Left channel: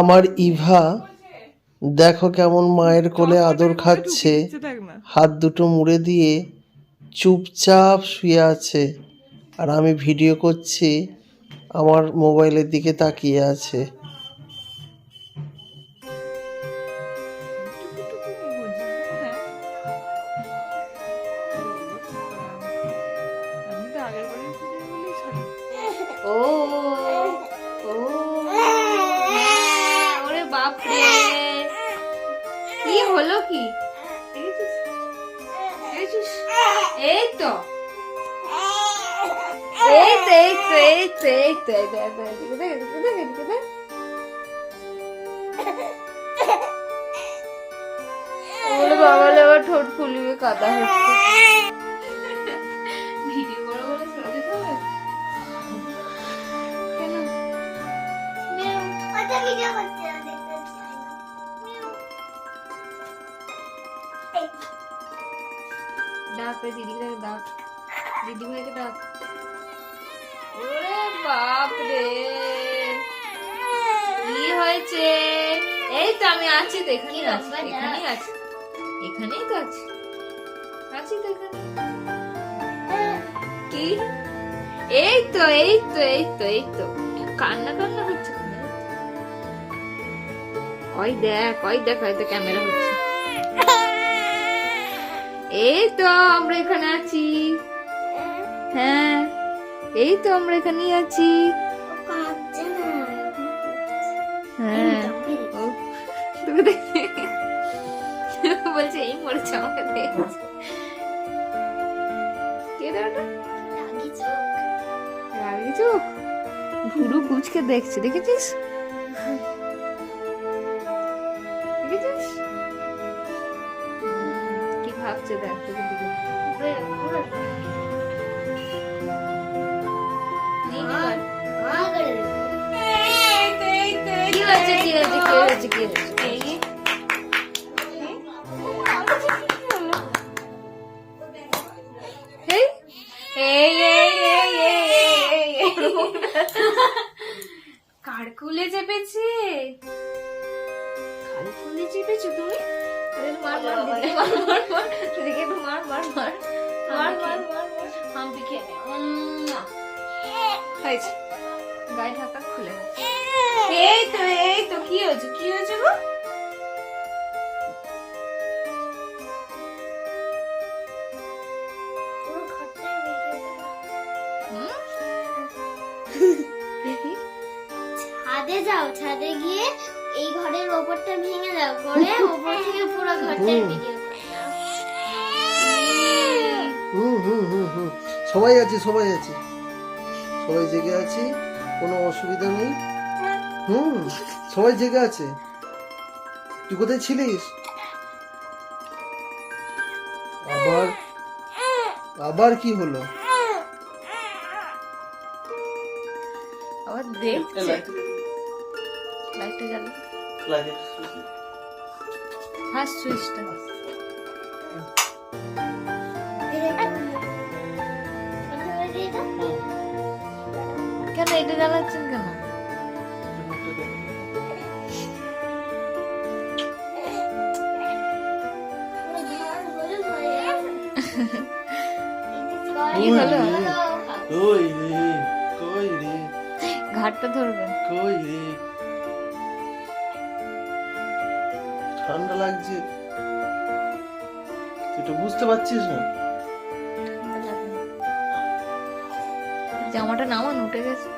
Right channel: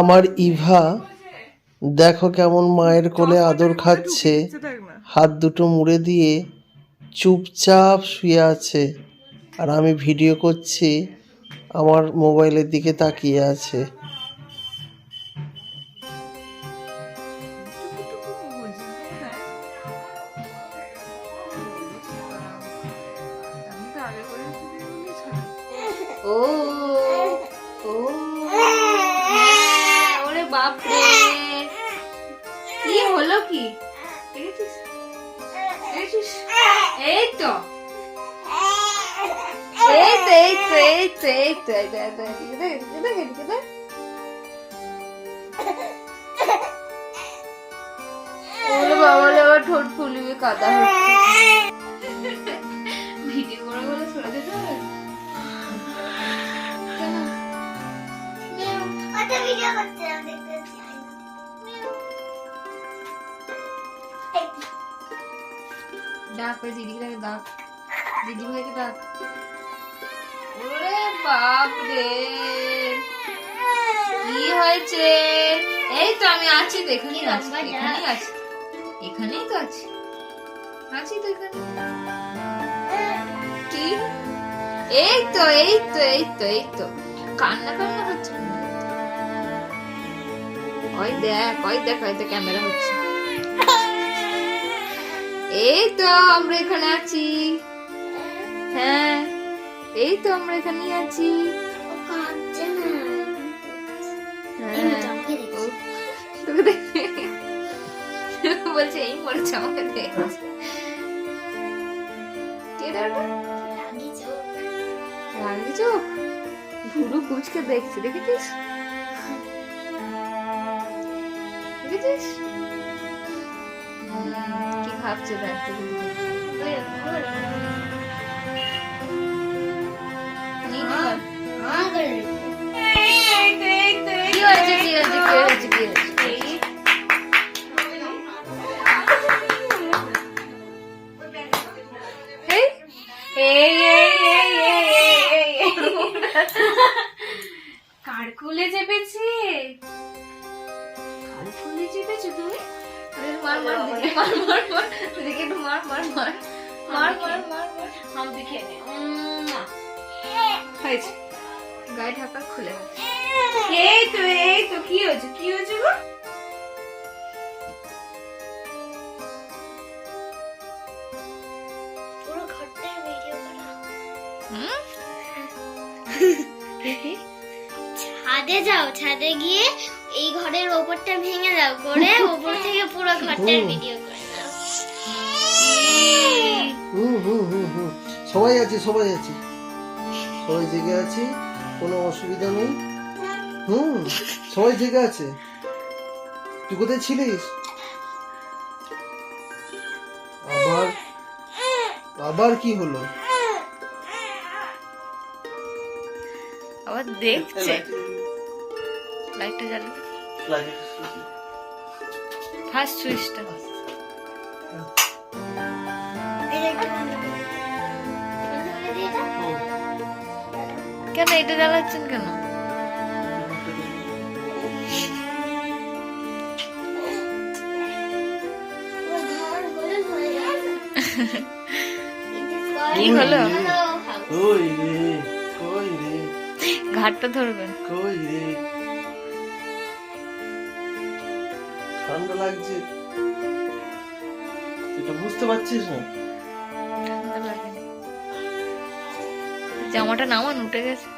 আমার ইভা দেখো কেমন মায়ের কোলে আদর খাচ্ছে। হাত দুটো মুড়ে দিয়ে চুপচাপ শুয়ে আছে। আর আমি ভিডিও করছি আমার মোবাইলের দিকে তাকিয়ে আছে। ও ওরে বাপ রে কি হলো কি? এই তো। এই বাবা, ঠোঁট ফুলিয়ে কাদা হচ্ছে। দেখতে ডাক। ওই ডাক ডাক। ওরে বাপ রে। কি হয়েছে? এই তো আমি আছি তো এখানেই আছি এখানেই আছি। এখানেই তো আছি। আছি তো এখানে। কি? এই তো এই তো এই তো এই তো। কান্না কান্না হচ্ছে? ওই দেখ ওই দেখ ওই তো ক্যামেরা হচ্ছে। এই তো আমরা এখানে আছি। হ্যাঁ এই তো আমরা এখানেই আছি। হ্যাঁ। বলছে এই মরেছে আমাকে রাগি চোখ? গুরু কুচকে দেখছে দেখেছিস? দেখেছিস হুম, কি ভাবছে দেখ তোকে দিকে নিয়ে নে এবার। হ্যাঁ করে কি হয়েছে কি হয়েছে কি হয়েছে কি হয়েছে এই, এই, এই, এই, এই, এই, এই, এই। কার কুলে চেপেছে কুলে চেপেছো তুমি মার মার দিদি মার মার মার দিদিকে একটু মার মার মার মার মার মার মার হাম্পি খেয়ে নে হয়েছে গায়ে ঢাকা খুলে এই তো এই তো কি হয়েছে কি হয়েছে গো পুরো ঘরটার ভিডিও করা হুম ছাদে যাও ছাদে গিয়ে এই ঘরের ওপরটা ভেঙে দাও করে ওপর থেকে পুরো ঘরটার ভিডিও করে হুম হুম হুম হুম। সবাই আছি সবাই আছি। সবাই জেগে আছি কোনো অসুবিধা নেই। হুম সবাই জেগে আছে। তুই কোথায় ছিলিস? আবার আবার কি হলো? আবার দেখছে। লাইটটা জ্বালো। ফার্স্ট সুইচটা। কেন এটা জ্বালাচ্ছেন কেন। কি হলো? ঘাটটা ধরবেন। কই রে? ঠান্ডা লাগছে। তুই তো বুঝতে পারছিস না। জামাটা নামান উঠে গেছে।